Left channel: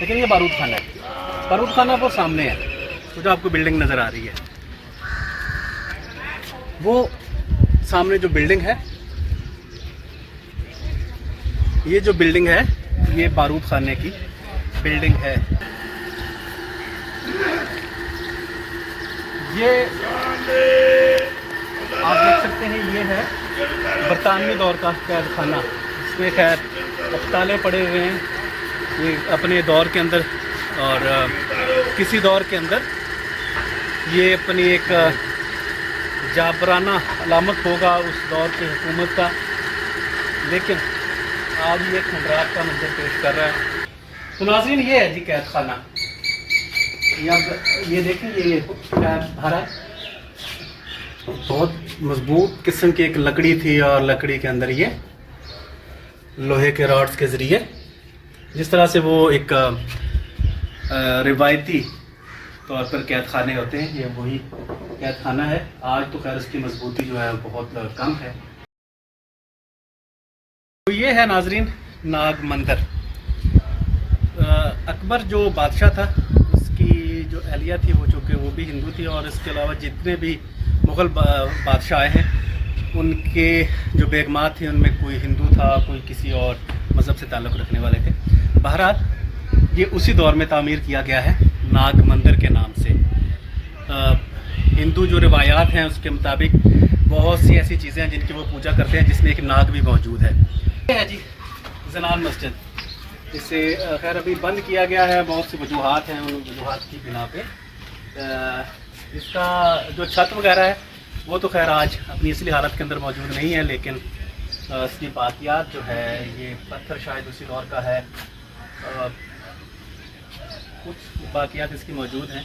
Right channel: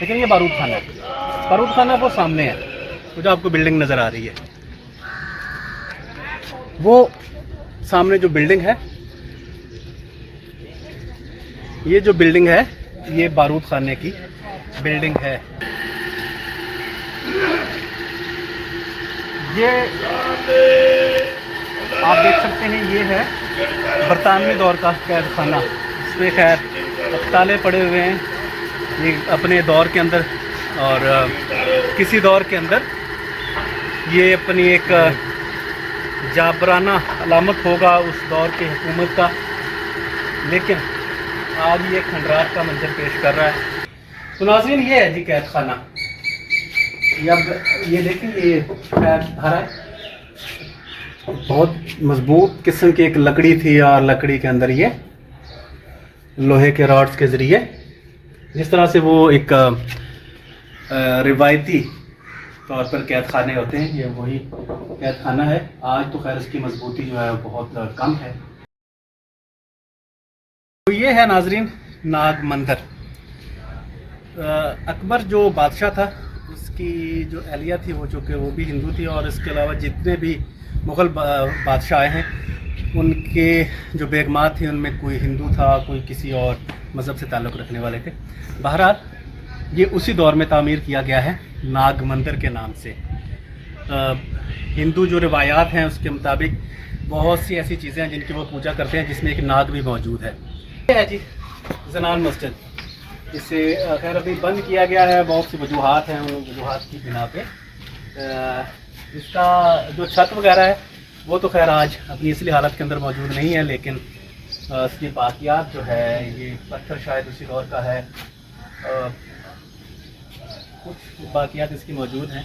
लेकिन ये बारूद खाना है। बारूद खाना वो सामने है, तो जो आपको बिल्डिंग नज़र आ रही है, वो सामने जो बिल्डिंग है, ये जो बिल्डिंग है ये बारूद खाने की बिल्डिंग है। ये आप देख सकते हैं, ये है बरतानवी दौर का कैद खाना। इसमें खैर ताले पड़े हुए हैं। ये अपने दौर के अंदर और किसी दौर के अंदर ये अपनी एक जाबराना अलामत होगा उस दौर की हुकूमत का, लेकिन आज ये खंडरात का मंजर पेश कर रहा है। तो नाज़रीन, ये है जी कैद खाना। ये देखें, ये कैद धारा बहुत मजबूत किस्म की एक लकड़ी थी और लकड़ी के अंदर ये लोहे के रॉड्स के ज़रिए, जिस तरह से वो एक रिवायती तौर पर कैद खाने होते हैं, ये वही कैद खाना है। आज तो खैर इसकी मजबूती जो है बहुत कम है। तो ये है नाजरीन नाग मंदिर। अकबर जो बादशाह था, उसकी जो एहलिया थी वो चूँकि वो भी हिंदू थी, और इसके अलावा जितने भी मुग़ल बादशाह आए हैं उनके जो बेगमात थी उनमें कोई हिंदू था, कोई किसी और मज़हब से ताल्लुक़ रखने वाले थे। बहरहाल ये उसी दौर में तामीर किया गया है नाग मंदिर के नाम से। हिंदू जो रिवायात हैं उसके मुताबिक बहुत सी ऐसी चीज़ें हैं जिनकी वो पूजा करते हैं, जिसमें एक नाग भी मौजूद है। ये है जी जनान मस्जिद। इसे खैर अभी बंद किया गया है, बहुत सी वजूहात हैं, उन वजूहात की बिना पे इसका जो छत वगैरह है वो तो खैर आज अपनी असली हालत के अंदर मौजूद नहीं है, लेकिन इसकी बाकियात जो है, ये पत्थर शायद उसी दौर का है, कुछ बाकियात इसकी मौजूद हैं।